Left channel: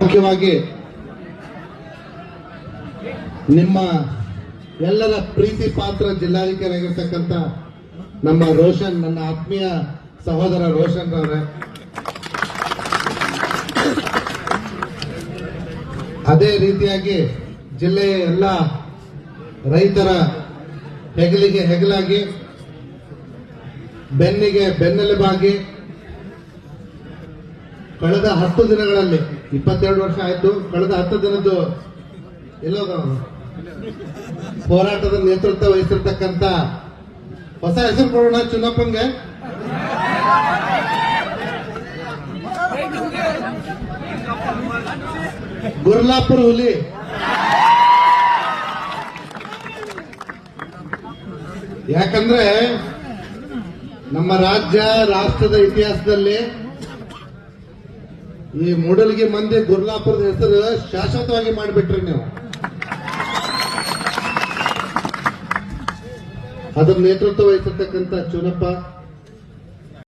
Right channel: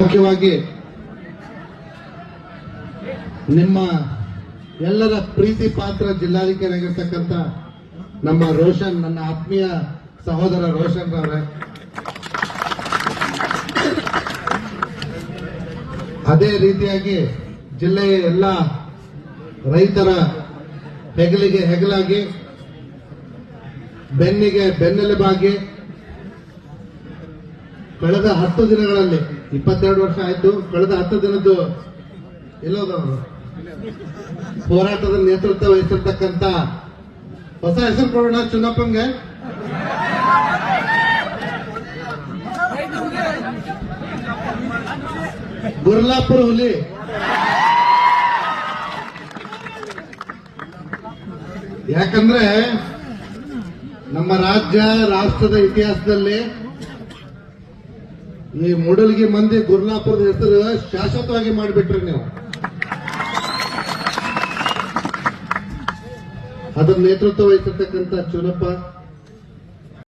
ಮುಖ್ಯವಾಗಿ ನಿಮ್ಮ ಎಲ್ಲರ ಪ್ರೀತಿ ಪಾತ್ರ ಜಿಲ್ಲಾಧಿಕಾರಿ ಆಗಿರ್ತಕ್ಕಂಥ ನಮ್ಮ ರೋಷನ್, ನನ್ನ ಆತ್ಮೀಯ ಸಹೋದರ ರೋಷನ್ ಅವರೇ, ಅದೇ ರೀತಿಯಾಗಿ ಜಿಲ್ಲೆಯ ಎಲ್ಲ ರೈತರ ಹೆಗಲಿಗೆ ಹೆಗಲಾಗಿ, ಬೆನ್ನಿಗೆ ಬೆನ್ನೆಲುಬಾಗಿ ಕಳೆದ 10 ದಿನಗಳಲ್ಲಿ 22 ವರ್ಷ ಆಯ್ತು. ಕಳೆದ 10 ದಿನದ್ದು ಎಲ್ಲದ ಹೋರಾಟದ ನೇತೃತ್ವ ವಹಿಸಿರ್ತಕ್ಕಂಥ ಹೊಸ ಹೆಸರು ಕೊಡೋಣ ಚುನಪ್ಪಂಗೆ, ಗುರ್ಲಾಪುರ ಹುಲಿ. ಯಾಕಂದ್ರೆ ನಮ್ಮ ರಾಜ್ಯ ರಾಷ್ಟ್ರದ ಇತಿಹಾಸದಲ್ಲಿ ಈ ಮೂಡಲ್ಗಿ ಮಂದಿ ಗುರ್ಲಾಪುರದ ಹೆಸರು ಶಾಶ್ವತವಾಗಿ ಮಾಡಿಬಿಟ್ರಿ ನೀವು. ಅದರ ನೇತೃತ್ವ ವಹಿಸಿರ್ತಕ್ಕಂಥ ಚುನಪ್ಪ